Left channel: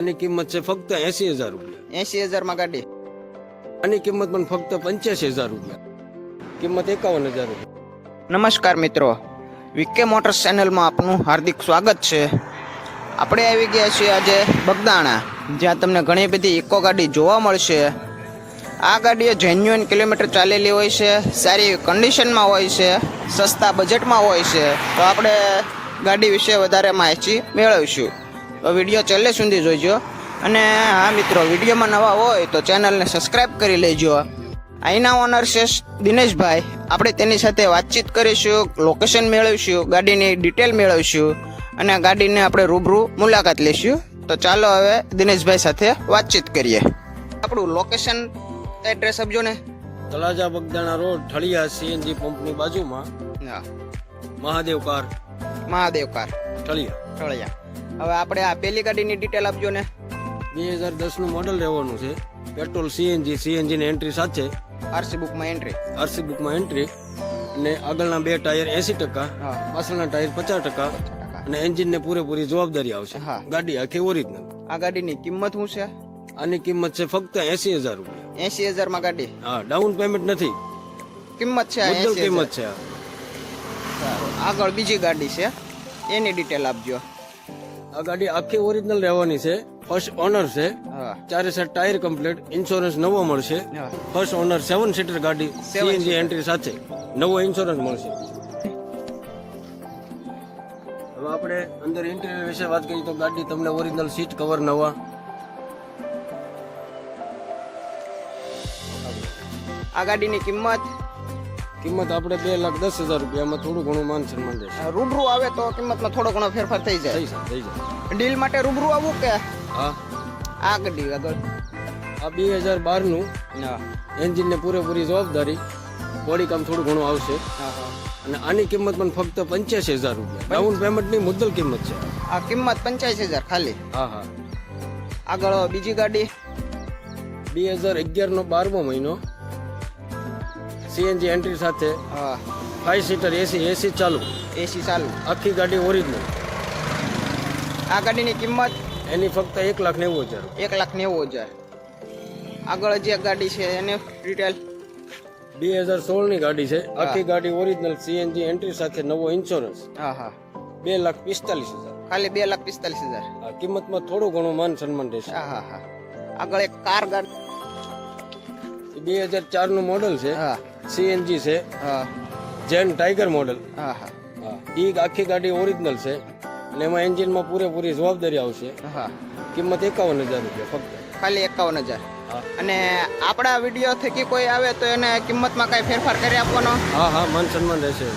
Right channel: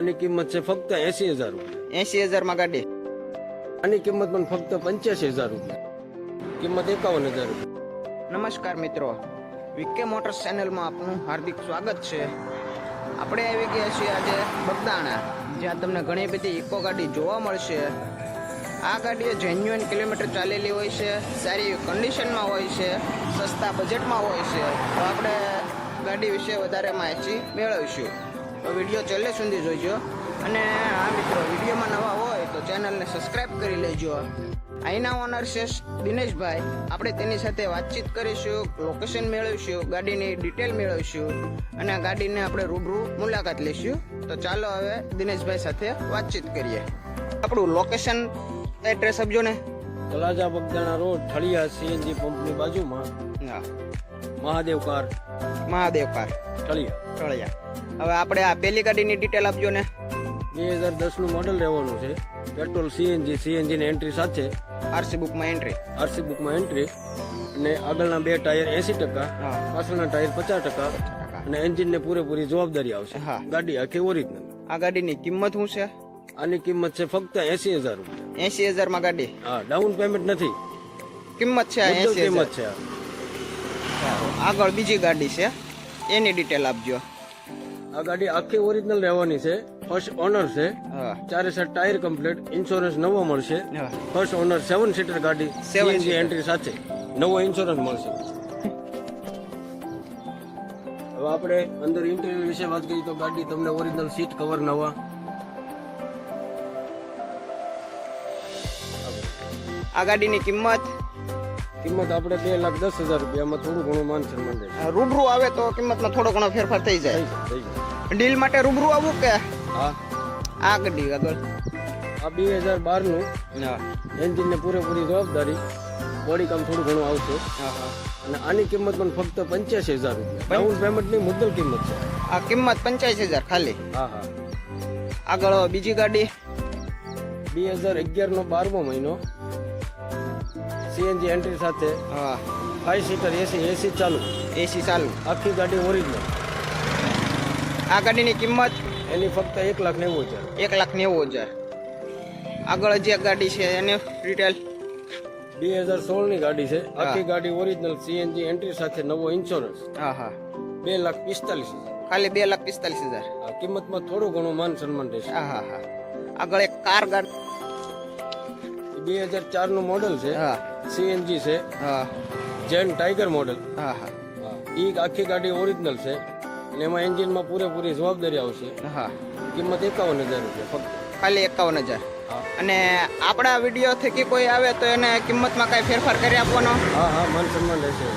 આની કિંમત છે ફક્ત એસી હજાર રૂપિયા. એસી હજારમાં ગાડી. આની કિંમત પણ ફક્ત પંચ્યાસી હજાર રૂપિયા. કિંમત એકાવન હજાર રૂપિયા. નમસ્કાર મિત્રો. વિકે મોટર્સ ચેનલમાં આપનું હાર્દિક સ્વાગત છે. આપણે આવી ગયા છીએ આજે બગદાણા જ્યાં તમને ઘણી બધી ઇકો ગાડી જોવા મળશે. આ ગાડીઓ જેન્યુઅન કિલોમીટર ચાલેલી હોય છે સારી કન્ડિશનમાં હોય છે સસ્તા બજેટમાં હોય છે. તો આપણે ગાડી વિશે વધારે માહિતી મેળવીશું. તો વીડિયો છેલ્લે સુધી જોઈજો. અને હા મિત્રો વિડીયોમાં નવા હોય તો ચેનલને સબસ્ક્રાઈબ કરી લેજો. અહીંના ઓનર છે દિનેશભાઈ. આપણે તેની સાથે વાતચીત કરીશું લોકેશન મેળવીશું ગાડીની ડિટેલ મેળવીશું અને ગાડીને આપણે રૂબરૂ મુલાકાત લઈશું. તો ચાલો હવે દિનેશભાઈ સાથે વાતચીત કરીએ. આપણું લોકેશન એડ્રેસ આપજો ને. તળાજા બગદાણા રોડ ઠળિયા સીએનજી પંપની બાજુમાં હા. મહાદેવ કાર. મહાદેવ કાર. ઠળિયા ઠળિયા હવે આપણે આ પહેલી ગાડીની ડિટેલ આપજો ને. બે હજાર દસનું મોડલ રહેવાનું છે. પેટ્રોલ સીએનજી સીએનજીની એન્ટ્રી સાથે. આરસી બુકમાં એન્ટ્રી આરસી બુકમાં એન્ટ્રી અને આગળના બે ટાયર એસી ટકા પાછળના ટાયર પચાસ ટકા. અને એન્જિનને પૂરેપૂરી જવાબદારી આવશે. ગાડી આખી ઓરિજિનલ આ ગાડીની કિંમત શું છે? આની કિંમત છે ફક્ત એસી હજાર રૂપિયા. એસી હજારમાં ગાડી? હા ડાઉન પેમેન્ટ નથી. કિંમત છે એસી કિંમત છે આગળ બીજી ગાડી છે. એની ડિટેલ આપજો. આ ગાડી આખી ઓરિજિનલ રહેવાની છે. ફર્સ્ટ ઓનર છે. ચારે સાત ટાયર કમ્પ્લીટ ઇન્સ્યોરન્સ નવો મળશે. ફર્સ્ટ ઓનર સેવન સીટર ગાડી. સીએનજી એન્ટ્રી સાથે. નવો ઇન્સ્યોરન્સ મળશે. હવે આપણે અંદર ઇન્ટિરિયર વિશે વાત કરીએ તો ગાડી તમને ઓરિજિનલ સીટ કવર નવા. આ ગાડીની કિંમત કિંમત આપણે બે લાખ દસ હજાર રૂપિયામાં થોડું ઘણું માન સન્માન રહેશે રૂબરૂ આવે તો કિંમતમાં થોડો ઘણો ફેરફાર થઈ જાય. થઈ જાય ડીલ માટે રૂબરૂ આવું કે હા. આ ગાડી આગળ? આ બે હજાર બારનું એન્જિનને પૂરેપૂરી જવાબદારી. બોડી કામ થોડું ઘણું આવશે. અને આની કિંમત પણ ફક્ત પંચ્યાસી હજાર રૂપિયા. ડાઉન પેમેન્ટની મુદ્દલ કિંમત છે. આ કિંમત પંચ્યાસી હજાર ખાલી. હા હા. આગળ બીજી ગાડી? બે હજાર અગિયારનો બારમો મહિનો. સીએનજી એન્ટ્રી સાથે હા ફાઈવ સીટર એસી એસી ચાલુ. એસી ચાલુ. આખી ગાડી ઓરિજિનલ આ ગાડીની કિંમત? એની ફક્ત એક લાખ નેવું હજાર. એક લાખ નેવું હજાર. આગળ જે ગાડી છે એને ડિટેલ બે હજાર સોળની ગાડી છે. આખી ગાડી ઓરિજિનલ સીએનજી એન્ટ્રી સાથે નવો ઇન્સ્યોરન્સ હા હા. બે લાખ પિસ્તાલીસ હજાર. ખાલી બે લાખ પિસ્તાલીસ હજાર. કિંમતમાં થોડું ઘણું માન સન્માન રહેશે. હા હા હા. આગળ એક કાર ગાડી બે હજાર ચારનું મોડલ છે. હા. સીએનજી છે. હા. જેન ટાઈગર મોડલ હા હા. એ આખી ગાડી ઓરિજિનલ છે. અને એમાં એન્જિનમાં પૂરેપૂરી જવાબદારી આવશે. હા. કિંમત એકાવન હજાર રૂપિયા ફક્ત. ખાલી એકાવન હજાર અને આપણા વીડિયો થકી કોઈ આવે તો એને કિંમતમાં કાંઈ ફેરફાર કરી આપવાનો? હા હા મન સન્માન રહેશે.